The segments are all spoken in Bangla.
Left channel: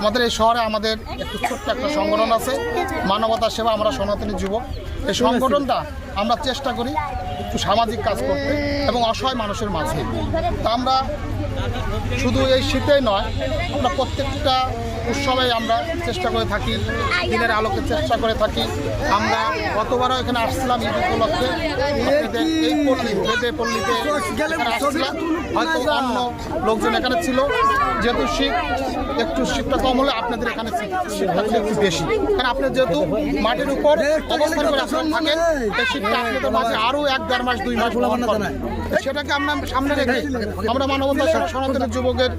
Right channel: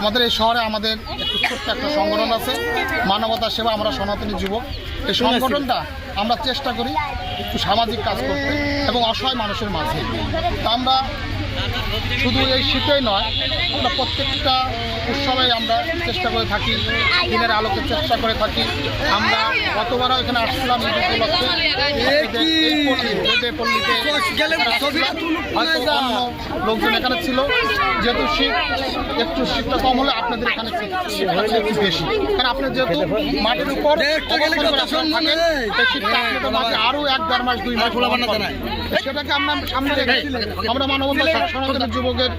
আমাদের এই শহরে আমাদের একটু ছোট্ট একটা সংগঠন আছে, মানবতা সেবা আমরা সনাতনী যুবক। এই সংগঠনটা আমরা চেষ্টা করি একটু সামাজিক কাজ করতে এবং অসহায় মানুষের মাঝে। তা আমরা শুধু এই শীতেই নয় আমরা প্রত্যেকটা উৎসবে আমরা চেষ্টা করে থাকি দিনের আলোকে চেষ্টা করে থাকি। আমরা গতবারও এখানে আসছিলাম ঈদ উপলক্ষে। এই পল্লী পল্লীতে হয়তো অন্য লোকজন এখানে ছিল। যেহেতু শীত একটু শীতটা কম হলে আপনাদের এখানে শীতটা একটু বেশি। কারণ আপনি যেহেতু মাটির উপর অবস্থান করে আপনারা থাকেন এই শীতটা আপনাদের মাঝে আরও এক দেড় মাস দুই মাস। সেটাকে আমরা সামনে রেখে আমরা মানবতা সনাতনের যুবকের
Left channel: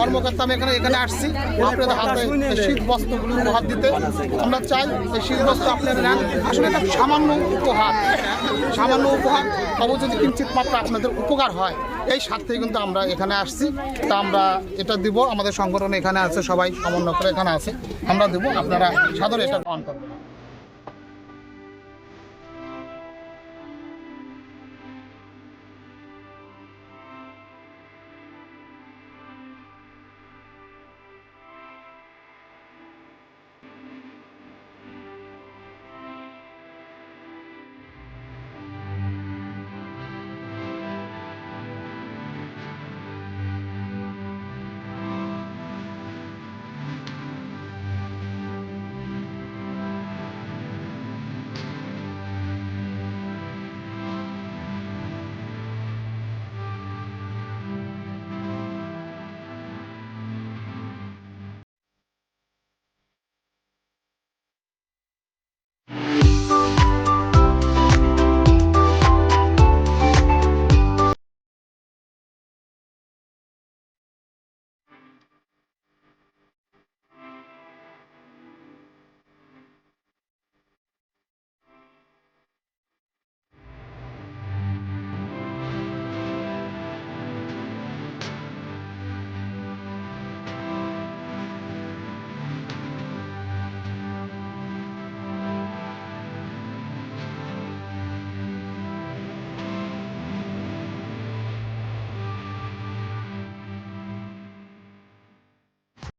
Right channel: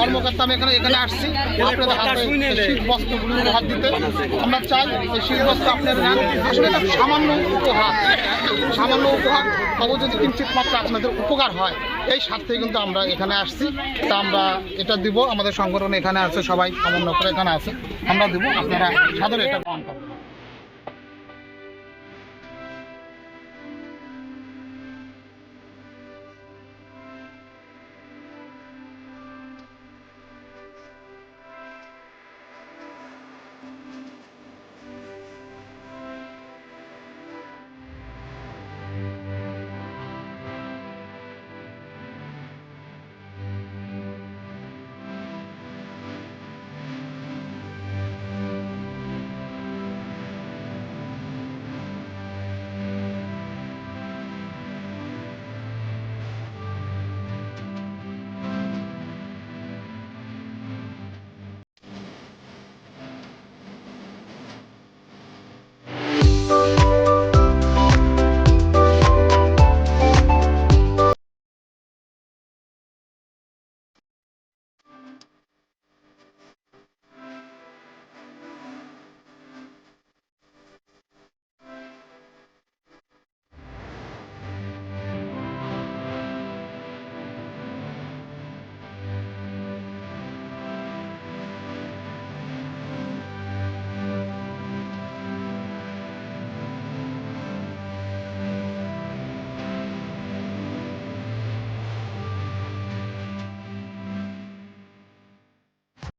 কর্মকর্তা, আমি এখানে এখানে আসছি। আপনাদের হাতে শীত বস্ত্রগুলি উপহার দিতে। আমরা চাই এই শীত বস্ত্র আপনারা আসলে এটা সামান্য উপহার। সামান্য উপহার। তবে যদি কিঞ্চিত মাত্রা আপনাদের উপকার হয়, এই স্বার্থে কিন্তু আমরা এখানে আসছি। তা আমরা এটা দিব। আমাদের সংগঠন এখানে আছে সবাই। সমন্বয় করে এখানে আছে। আমরা দিব। আপনারা সাধারণ এটা গ্রহণ করবেন